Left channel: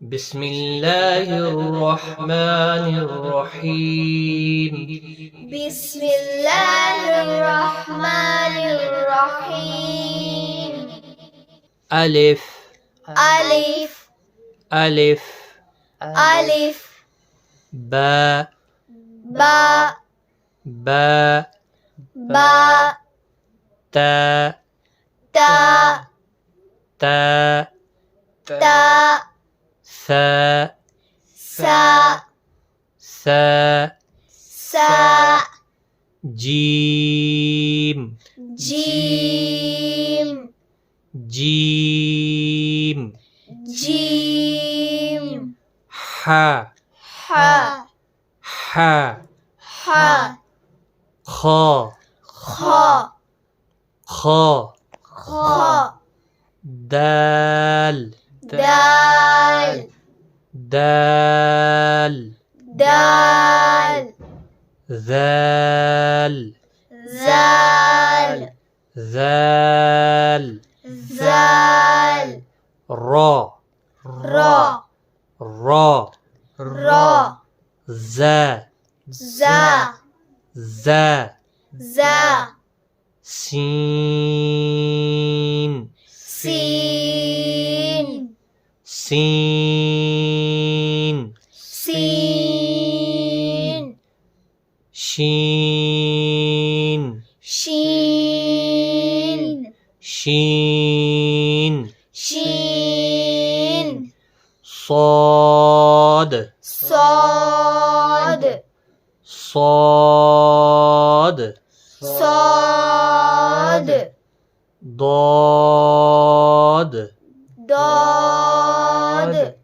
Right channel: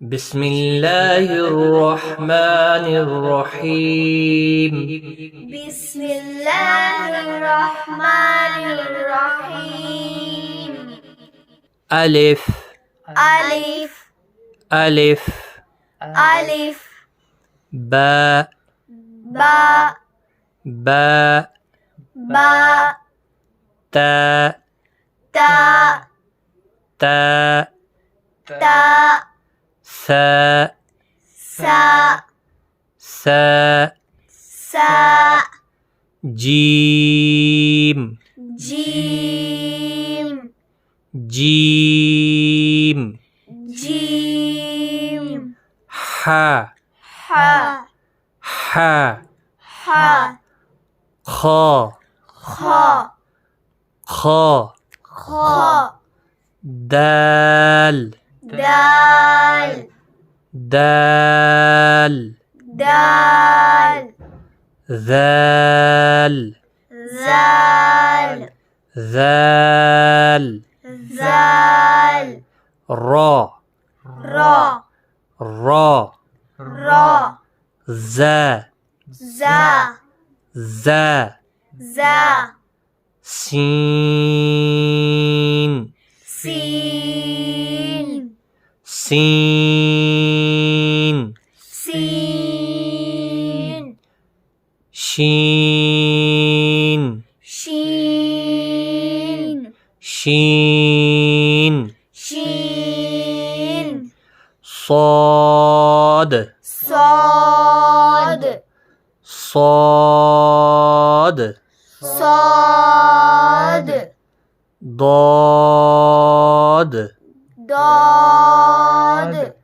بسم الله الرحمن الرحيم. بسم الله الرحمن الرحيم. ألف ألف ألف ألف باء باء باء باء تاء تاء تاء تاء ثاء ساء ثاء ساء جيم جيم جيم جيم حاء حاء حاء حاء خاء خاء خاء خاء دال دال دال دال ذال زال ذال زال را را را را ذا زا ذا زا سين سين سين سين شين شين شين شين صاد صاد صاد صاد ضاد ضاد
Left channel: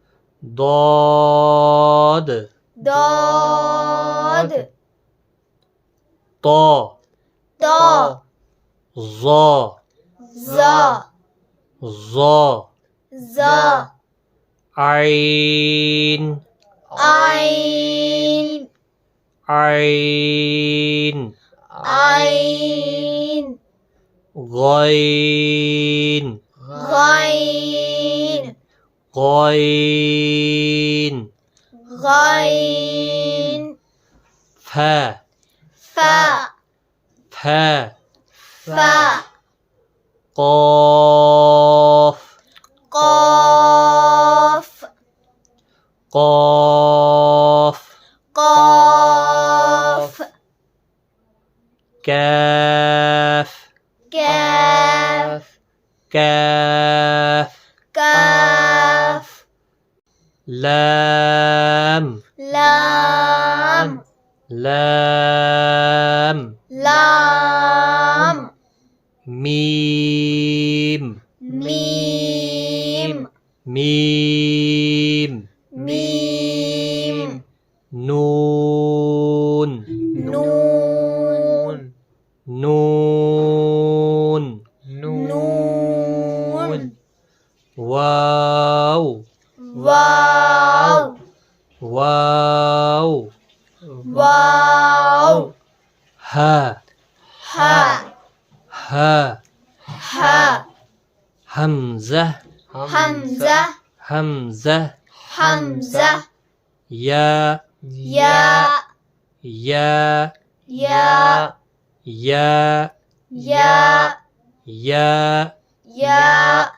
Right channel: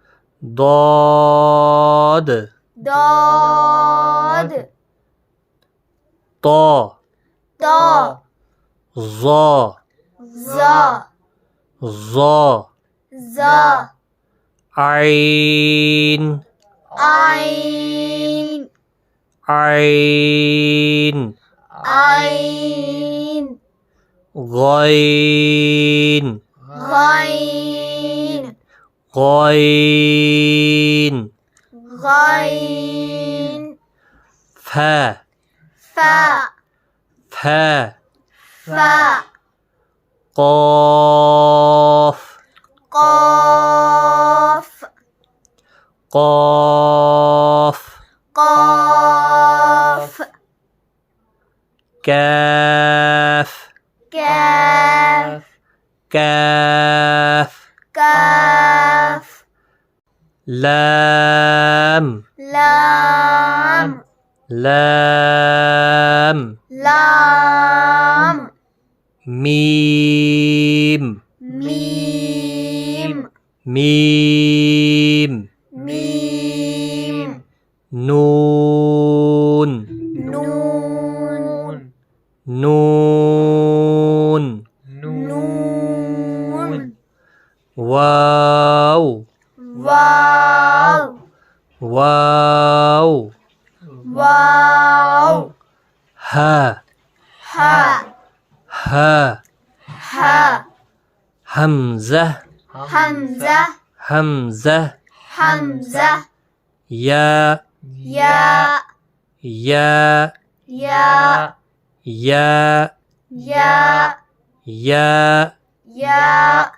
ضاد ضاد طا ضا ظا زا ظا زا عين عين عين عين غين غين غين غين فا فا فا فا قاف قاف قاف قاف كاف كاف كاف كاف لام لام لام لام ميم ميم ميم ميم نون نون نون نون واو واو واو واو ها ها ها ها همزة همزة همزة همزة يا يا يا يا يا يا يا يا